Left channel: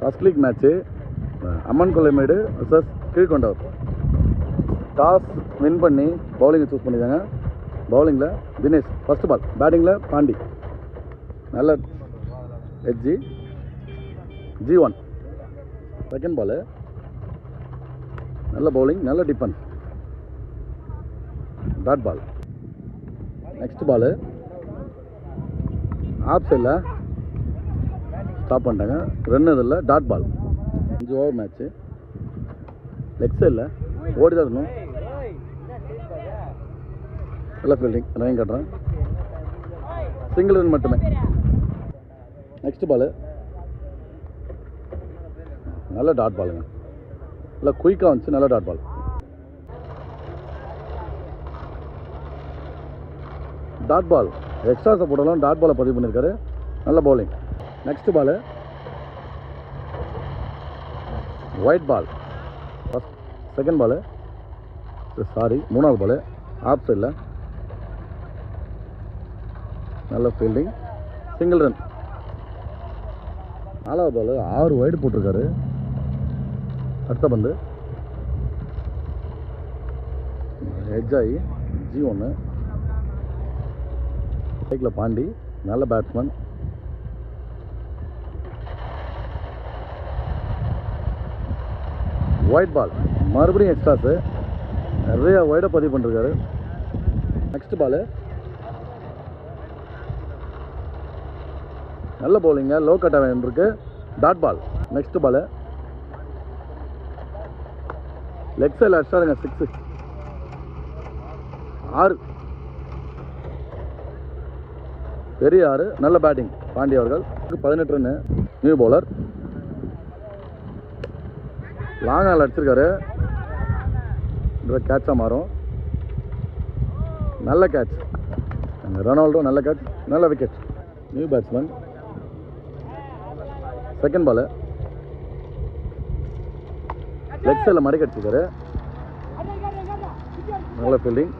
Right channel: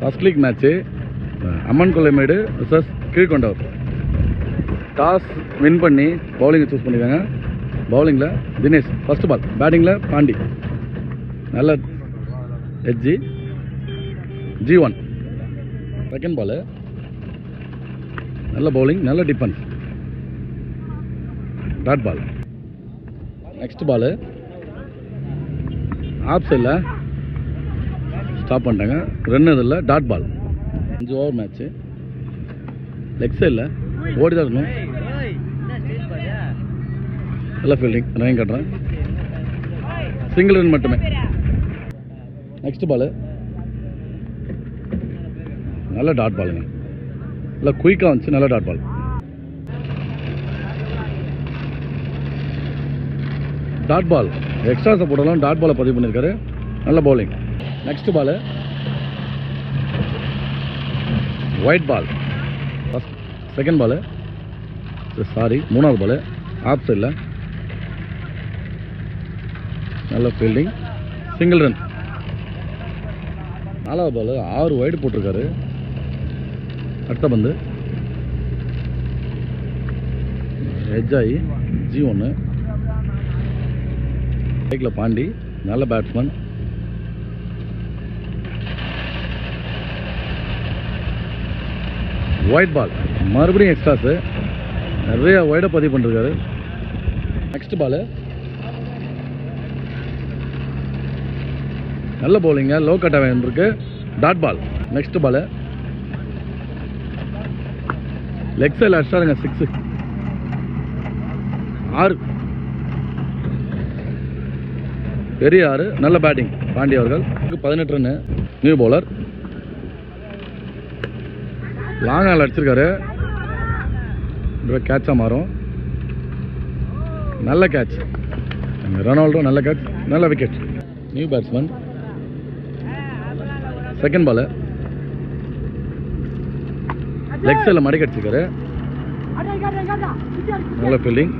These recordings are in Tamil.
ஃபர்ஸ்ட் லீக் மேட்ச்சு அம்மன் கொல்லைமேடு விசஸ் கீழ்கொண்டவர். டாஸ் வின் பண்ணி பவுலிங்கை சூஸ் பண்ணியிருக்காங்க. பவுலிங்கில் தினேஷ், ஃபஸ்ட்டு பால். பேட்டிங்கில் பாண்டி, நல்ல எட்ஜி. G1 செகண்ட் பாலு, நல்ல பவுலிங், நல்ல defence, dot ball. Next ball off சைடில் ஸ்டாப் பண்ணிட்டாங்க, ரன் இதில் dot ball. 5 over match. Leg சைடில் ஓடி தான் இருக்கணும், நல்ல ஃபீல்டிங், ரன் கட்டுறேன், சிங்கிள் ரன் மட்டுமே. நெக்ஸ்ட் பாலு நல்ல டாட் பாலுங்க, நல்லா குயிக்காக வந்துச்சு, நல்ல dot ball. Dot ball extra சப்போர்ட்டெல்லாம் டாட் பாலை பதிவு பண்ணியிருக்காரு, நல்ல bowling. Next ball white ball. Second ball மூணாவது பாலு ஆஃப் சைடில் நல்ல ஃபீல்டிங், சிங்கிள் ரன். நாலாவது பால் 6 வைடு போட்டிருக்காரு. அடுத்த பந்து எட்ஜ் ஆகி G1. பைக்கில் பாண்டி, நல்ல பேட்ஸ்மேன். ஒயிட் பால், மறுபடியும் எக்ஸ்ட்ராஸு, நிறைய ஒயிடை பதிவு பண்ணிருக்காரு. நெக்ஸ்ட் பாலு நல்ல பவுலிங்க, லோ கட்டாக இருக்கு, dot ball. Next ball leg சைடில் அடிச்சாருங்க, 6. 6 பெரிய 6, நல்ல பேட்டிங் பாண்டி அவர்கள். 18 ரன்னு. நியூ பவுலர் லாங் ஆல் அடிச்சிருக்காரு, கேட்சாக மாறும், நல்ல கேட்ச். ரொனால்டோ நல்ல கேட்ச், நல்ல wicket. New batsman. Second ball leg சைடில் மடக்கி அடிச்சிருக்காரு, நல்ல ஃபீல்டிங்,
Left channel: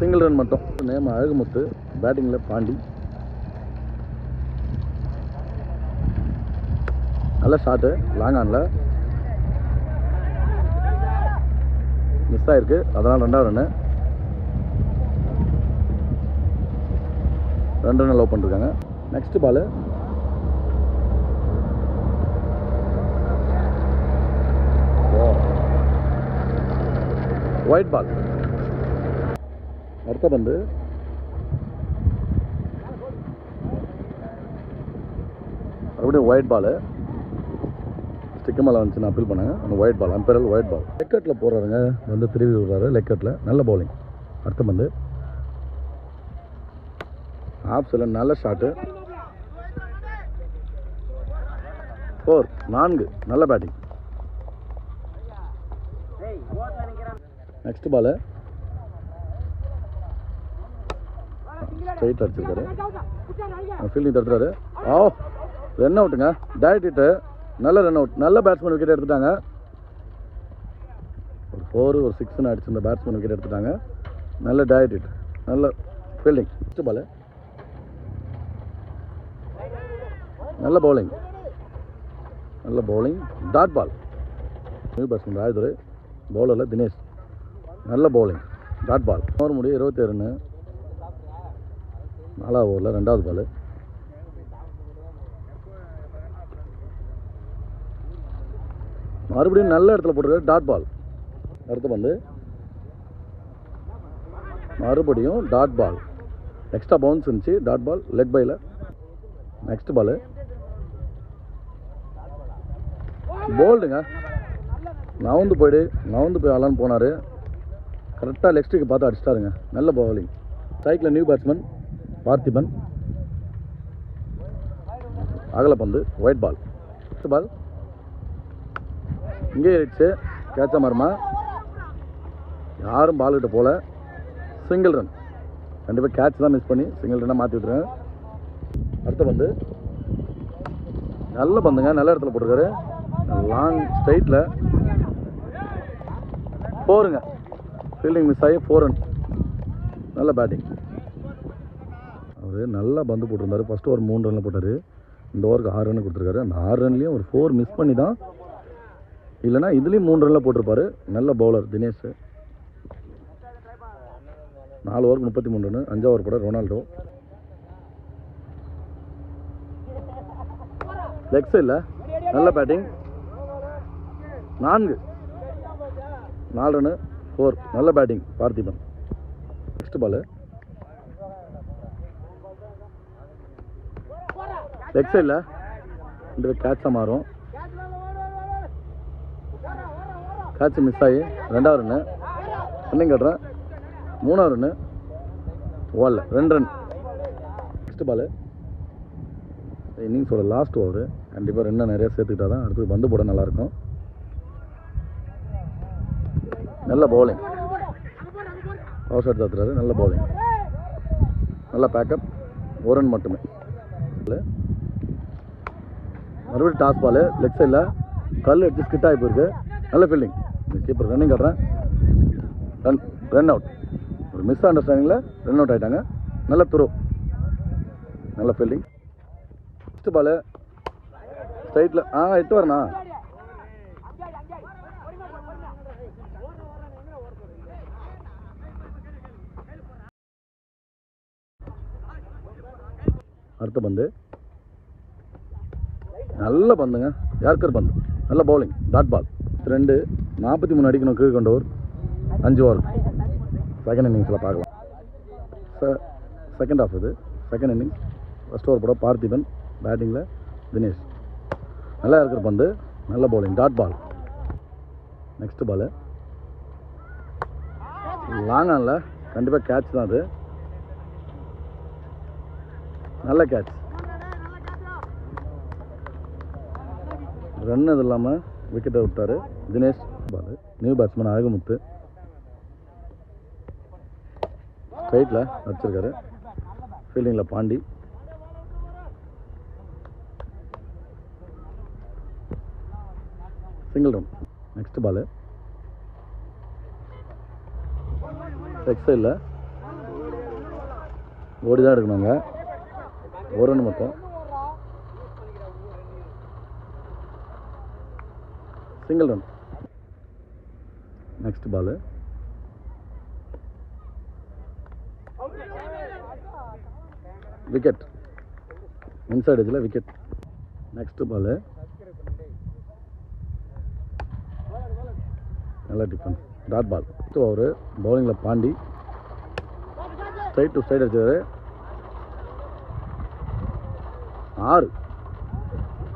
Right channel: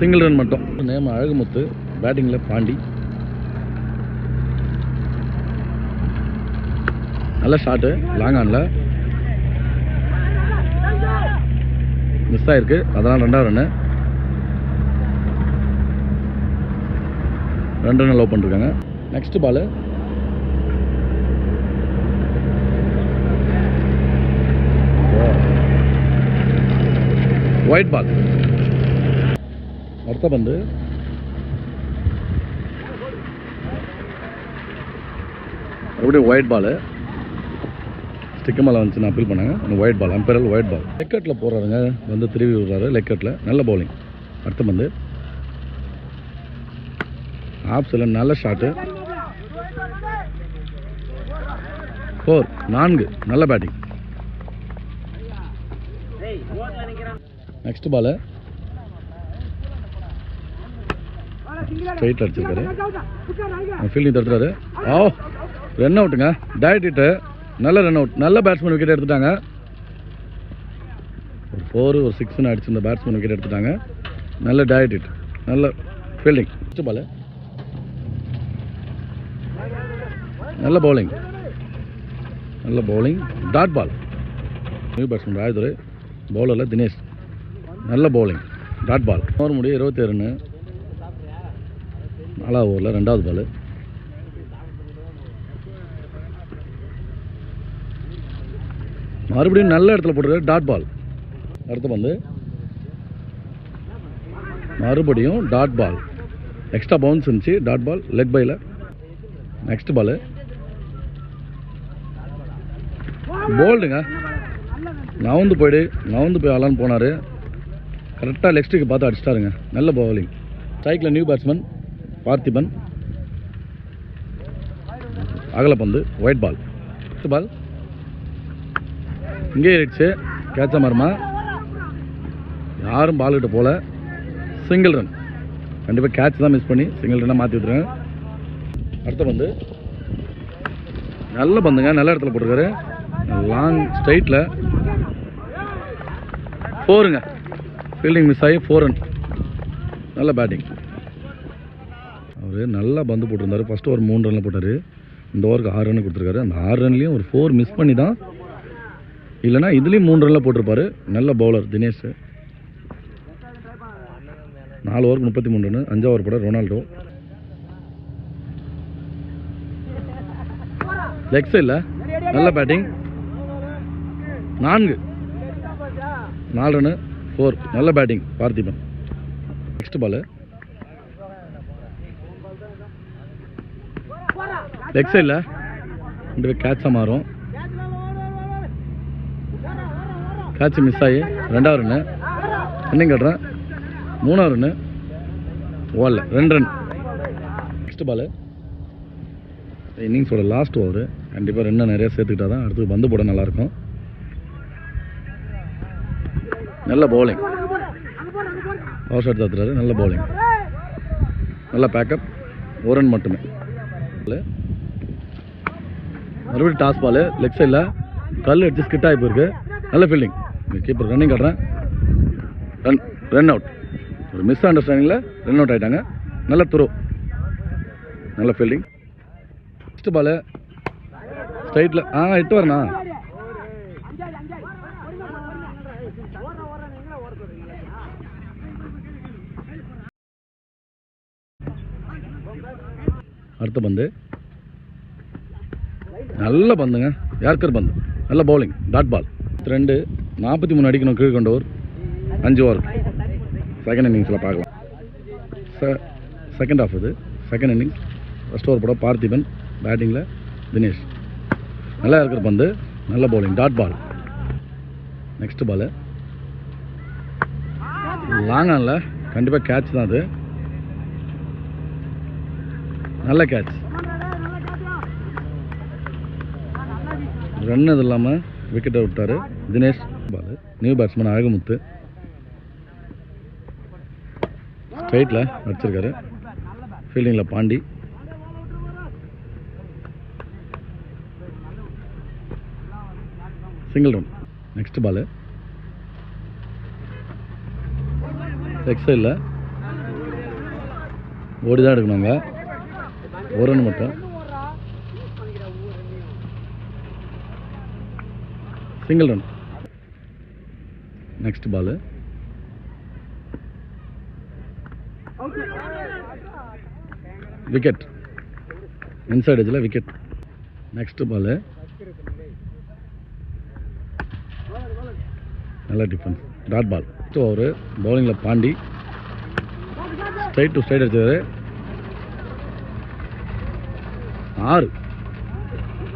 சிங்கிள் ரன் மட்டும். நேம் அழகுமுத்து, பேட்டிங்கில் பாண்டி, நல்ல ஷாட்டு, லாங் ஆனில் மிஸ் ஆகிருக்கு, அதனால் 2வது ரன்னு. 2 ரன் லவ் பண்ணிருக்காங்க. நெக்ஸ்ட் பாலு ஒயிட் பால். அடுத்த பந்து மறுபடியும் ஒயிட் பாலு, ஸ்டிக்கு மேலே வந்துச்சுன்னு அப்பீல் பண்ணாங்க. அந்த white ball, umpire white ball. லெக்கெட்டில் போடுறாருங்க, வந்து திரும்பி விடுறாரு லெக்கெட்டில், நல்ல பவுலிங். அடுத்த பந்து ஆஃப் சைடில் நல்ல ஷாட்டு, 4, நல்ல பேட்டிங். நெக்ஸ்ட் பாலு ஸ்ட்ரைட் அடிச்சிருக்காரு, ஃபீல்டிங் தடுத்துறாரு. ரன் அவுட்டுங்க, டயட் ஹிட்டு, நல்ல ரன் அவுட், நல்ல பேட்ஸ்மேன் விக்கெட் எடுத்துட்டாங்க. ஒரு 4 ஒரு 6 அடிச்சு இந்த பேட்ஸ்மேன் விக்கெட் எடுத்துட்டாங்க, நல்ல டயட் ஹிட், நல்ல ஃபீல்டிங். நெக்ஸ்ட் பாலு நல்ல பவுலிங், நல்ல bowling, dot ball. New batsman Rajadurai, பவுலரில் தினேஷ், நல்ல பவுலிங், டாட் பால். ஓவர் முடிய 27 ரன்னு. 4வது ஓவரில் 2வது பால். மறுபடியும் நல்ல இடத்துல போட்டிருக்காரு, டாட் பால். அடுத்த பந்து மறுபடியும் டாட் பால், எக்ஸ்ட்ரா பவுன்ஸ் இருந்துச்சு, டாட் பால், லெக் பையில். நெக்ஸ்ட் பாலு போல்டுங்க, நவுந்து போய் ஆளான்னு போனார், கரெக்டாக லெக் ஸ்டிக்கு பார்த்து அடிச்சிட்டாருங்க, நல்ல பவுலிங். ஸ்ட்ரைக்கில் new batsman Parthiban, அகலப்பந்து, white ball. Next பால் இங்கே ஏறிடுச்சு, கேட்சா மரமா, யாரும் பால்கிட்ட போல, சிங்கிள் ரன். கண்டிப்பாக கேட்ச் தான் மிஸ் பண்ணி சிங்கிள் ரன்னாக மாற்றி விட்டுருங்க. அடுத்த பந்து நல்ல பந்துங்க, நல்ல இடத்துல போட்டிருக்காரு, லாங் ஸ்ட்ரைட்டில் 4ங்க, ஃபீல்டிங் மிஸ் ஆகி 4 ரன், நல்ல பேட்டிங். அவர் நல்லா பந்து போட்டிருந்தாரு. ஃபஸ்ட்டு ஒரு 3 ரனில் போட்டார். இந்த ஓவருக்கு 6 ரன் கொடுத்துருக்காரு. அந்த 6 ரன்லேயும் ஒரு 4 மிஸ் பண்ணி தான், இல்லைனா இதுலேயும் 3 ரனில் போட்டிருப்பார். நல்ல பவுலர் தினேஷ். 4 ஓவருக்கு 33 ரன். 5 ஓவர் போட ரொனால்டோ. லெக் சைடில் நல்ல பேட்டிங். 4 ரன்னு 4. நல்ல batting Parthiban. Next ball leg சைடில் 2 கேட்சாக மாறும். கேட்ச் மிஸ் ஆகி 2வது ரன்னு. ரன்னிங் கட்டுறேன். 3வது ரன்னு ஓடல. 2 ரன். நெக்ஸ்ட் பால் இன்னிங்ஸோட லாஸ்ட் ஓவர். கண்டிப்பாக ரன்னை நிறையா சேர்த்துக்கிட்டா தான் அடுத்து பந்து போட நல்லாயிருக்கும். நல்ல பவுலிங். Power shot தாத்துறாரு. நல்ல பவுலிங். நல்ல பேக்கப். 1 ரன் மட்டுமே. மறுபடியும் டாஸ் பால். லெக் சைடில் கல் அடிச்சு ஸ்கிட் ஆகி போயிருக்கு. நல்ல ஃபீல்டிங். கீப்பர் ரன்னிங் காட்டுறேன். Run out. ஒரு மிஸ் அண்டர்ஸ்டாண்டிங்கில் ரன் அவுட் ஆகிட்டாங்க. நல்ல த்ரோ. நல்ல ஃபீல்டிங். நெக்ஸ்ட் பால் ஸ்ட்ரைட்டில் 8 வரண்ணா. அடுத்த பந்து நல்ல பந்துங்க. யார்கர் பந்து. நல்ல பவுலிங். டாட் பால். 2 43 அடிக்கணும் கீழ் கொண்டவர். 5 ஓவர். செகண்ட் இன்னிங்ஸில் பார்க்கலாம். செகண்ட் ஆஃப் இது. Second innings. ஃபஸ்ட் ஓவர் போட பார்த்திபன். பேட்டிங்கில் தினேஷ். நல்லா இருக்கிற பந்து. நல்ல bowling. Dot ball. Next ball long ஆனில். கண்டிப்பாக கேட்ச் தான் அது. நல்ல கேட்ச். ரன் இது இல்லாமல் விக்கெட்டை விட்டார் Dinesh. Ball new batsman Azhagumuthu. ஸ்ட்ரைட்டில் அடிச்சிருக்காரு. ஃபீல்டிங்கில் Pandi. Single run. Next ball leg சைடில் ஓடி தான் எடுக்கணுங்க. 1 ரன் மட்டும். Single run. Next ball wicket. Inside எஜ்ஜில் விக்கெட். நெக்ஸ்ட் பால் நல்ல defence. Dot ball. Next over பவுலிங்கில் பாண்டி. ஸ்ட்ரைட் டு ஸ்ட்ரைட் அடிச்சாரு. 6.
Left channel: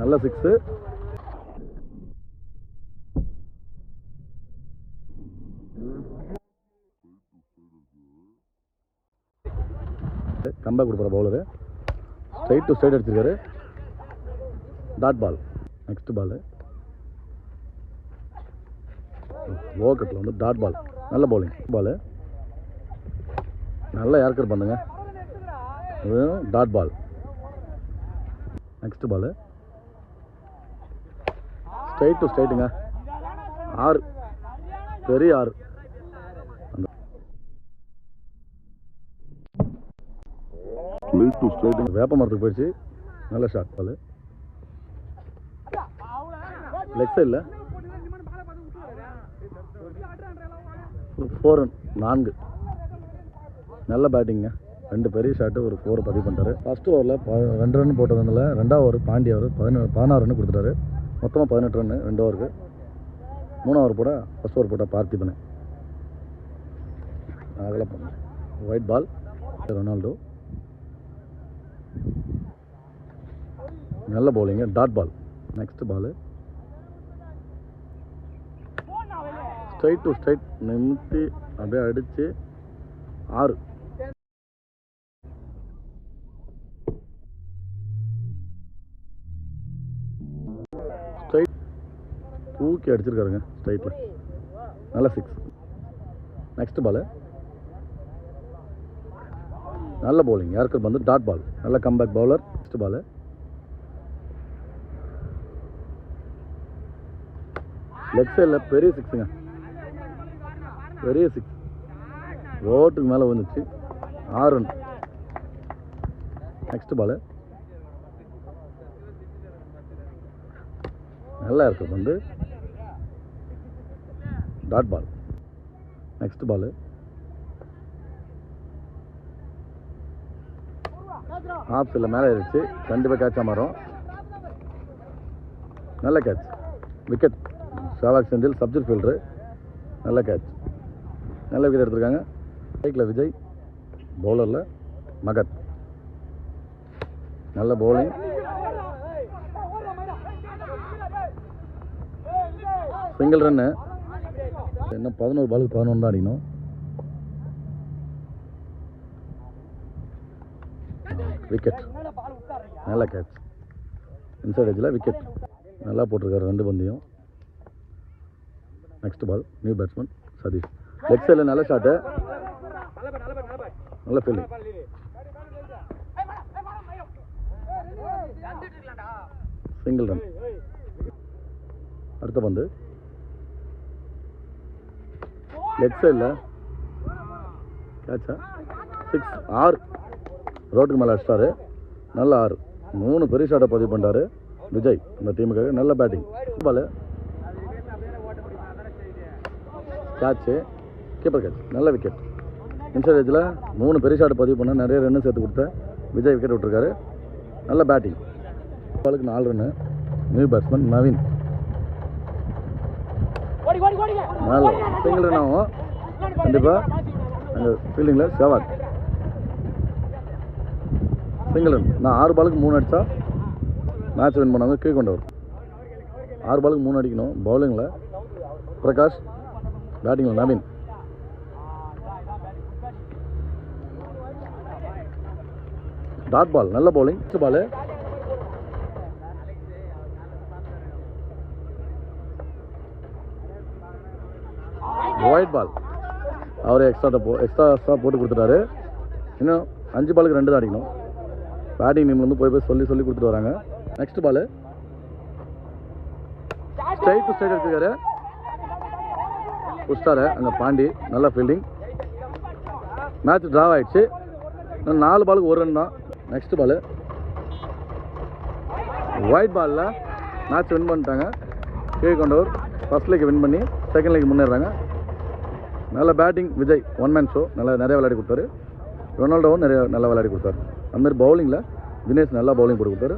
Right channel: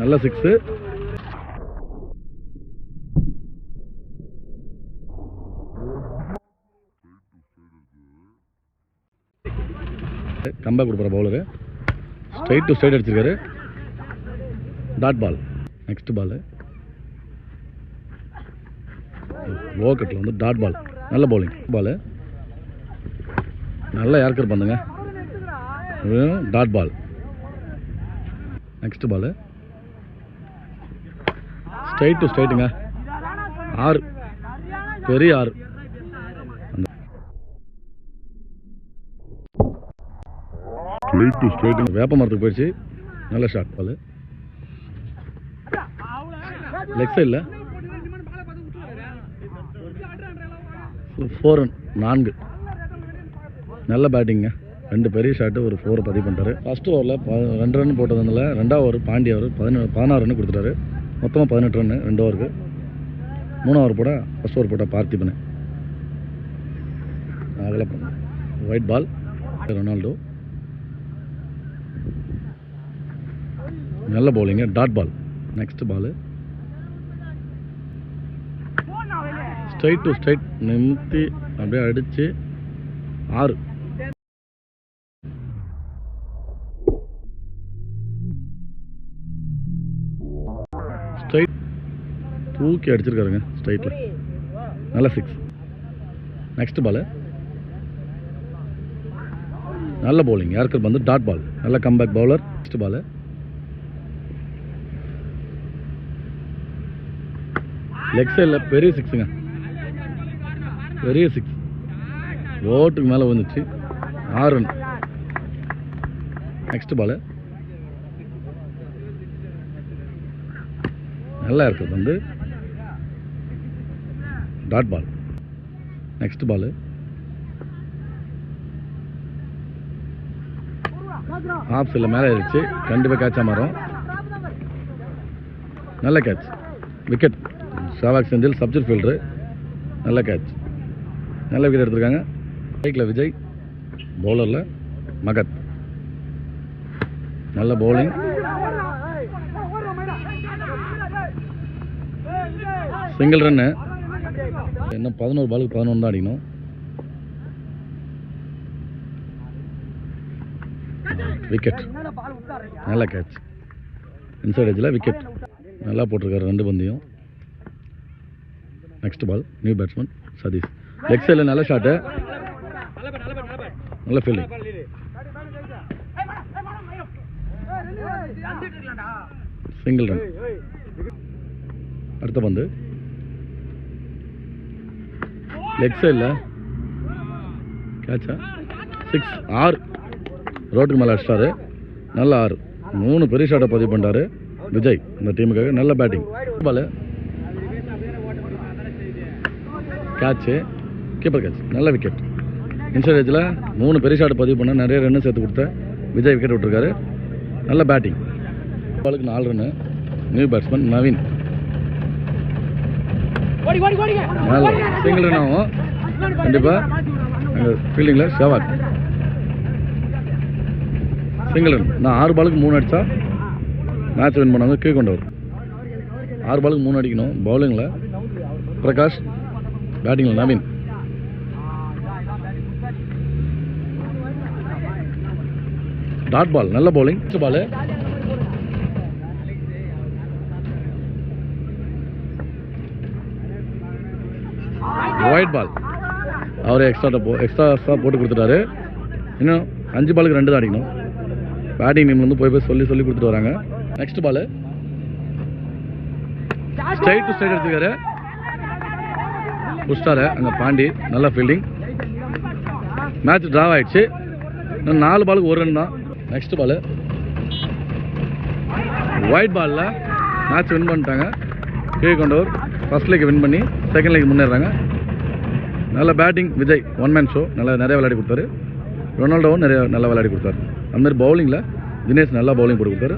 நல்ல 6. கம்பேக் கொடுக்குற பவுலரு. ஸ்ட்ரைட் டு ஸ்ட்ரைட் அடிச்சிருக்காரு. Dot ball. Next ball low கட்டில் வந்து டாட் பால். நல்ல பவுலிங். பால் நல்ல யார்கர் பண்ணுங்க. Dot ball. Next ball straight to ஸ்ட்ரைட்டுங்க. 6. பெரிய 6. ஸ்ட்ரைட் டு ஸ்ட்ரைட்டுங்க. வேப்ப மரத்துக்கு போயிடுச்சு. நல்ல ஷாட். பால் லெக் சைடில் 4 ரன். 4. நல்ல பேட்டிங்க. 2 பெரிய ஷாட்டு. ஒரு 4 பதிவு பண்ணிட்டாரு. ஃபஸ்ட் ஓவரில் 2 ரன் போட்டதுனால 2வது ஓவர் பாண்டி அவர் 16 ரன் கொடுத்துட்டாரு. மொத்தமாக 18 ரன் 2 ஓவருக்கு. 3 ஓவர் போட ஃபஸ்ட் ஓவர் போட்ட பார்த்திபன். அதில் ஒயிட் பால். ரொனால்டோ. நல்ல bowling. Dot ball. Next ball straight to straight நிமித்தி அப்படியே அடித்து 6. ஸ்ட்ரைட் தூக்கி அடிச்சிருக்காருங்க ஸ்ட்ரைட்டில். நல்ல 6. நெக்ஸ்ட் பால் நல்ல பவுலிங். யார்கர் வந்து டாட் பால். நல்ல comeback bowler. Next ball leg சைடில் பெரிய 6ங்க. பெரிய 6. ஓட்டுக்கு மேலே வந்துச்சு. 6 ரன். நெக்ஸ்ட் பால் நல்லா இருக்குது வந்து dot ball. Next ball off சைடில் மேலே ஏறிச்சு, கண்டிப்பாக கேட்சாக மாறும். நல்ல கேட்ச், விக்கெட். ஷாவாக் செந்தில் சப்ஜெக்ட் ஃபீல்டரு, நல்ல கேட்ச், நல்ல விக்கெட் எடுத்திருக்காங்க. ஸ்ட்ரைக்கில் விஜய், பவுலரில் மகத், நல்ல பவுலிங். Single run. இன்னும் 11 பாலுக்கு 11 தான் அடிக்கணும். விக்கெட், நல்ல கேட்ச், இன்சைட் எட்ஜில் விக்கெட், நல்லா போட்டிருக்காரு 2 பந்தையும். Next ball new batsman Sathish, leg சைடில் நல்ல ஷாட்டு, நல்ல ஃபீல்டிங். Single run. அடுத்த பந்து லெக் சைடில் கேட்சா 6 6 ரோட்டுக்கு மேலே அடிச்சிட்டாரு. நல்ல 6, 3 பெரிய ஷாட்டை பதிவு பண்ணிட்டாரு விஜய் அந்த டீமுக்காக. நல்ல பேட்டிங். பால் கேட்சு, கீப்பர் கேட்ச், நல்ல விக்கெட். இன்சைட் ஏஜில் 3 பெரிய ஷாட்டை பதிவு பண்ண நிறைய ரன்னு சேர்த்து கொடுத்த விஜய் விக்கெட் விட்டுருக்காரு. நல்ல பேட்டிங். பாலுக்கு 4 ரன்னு. நியூ பேட்ஸ்மேன் நவீன், நல்ல சிங்கிள் ரன் ஆகும் கண்டிப்பாக. அங்கே ஃபீல்டிங்கில் ஷவாக், சிங்கிள் ரன். நான் 6 பாலுக்கு 3 அடித்தா மேட்ச் வின் பண்ணாங்க. கீழ் கொண்டவர் 6 பாலுக்கு 3 அடிக்கணும். பவுலிங்கில் பிரகாஷ், பேட்டிங்கில் நவீன். டாட் பால், நல்ல பவுலிங். நெக்ஸ்ட் பால் ஒயிட் பால். அவர் எக்ஸ்ட்ரா போட்டு கொடுத்துட்டாரு. இன்னும் 5 பாலுக்கு 2 தான் அடிக்கணும். பேட்டிங் டீம்லேருந்து போய் சொல்லி கொடுத்துட்டு வராங்க. Next ball straight to straight எடுத்துக்காரு, புஷ்டாரு அங்கே பாண்டி, நல்ல ஃபீல்டிங். மேட்ச் ட்ரா ஆயிடுச்சு. இன்னும் 4 பாலுக்கு 1 ரன் தான். நெக்ஸ்ட் பால் ஒயிட் பாலில் மேட்ச் வின் பண்ணிட்டாங்க. கீழ் கொண்டவர் ஃபர்ஸ்ட் லீக் வின் பண்ணி செகண்ட் லீக் முன்னேறாங்க. நல்ல பேட்டிங் விஜய், 1 மேன் ஷோ, நிறைய விளையாடி கொடுத்தாரு. ரொனால்டோவும் நல்லா விளையாடி கொடுத்தாரு. அதுமாதிரி பவுலிங்கில் தினேஷ் நல்லா பவுலிங் போட்டு கொடுத்தாரு.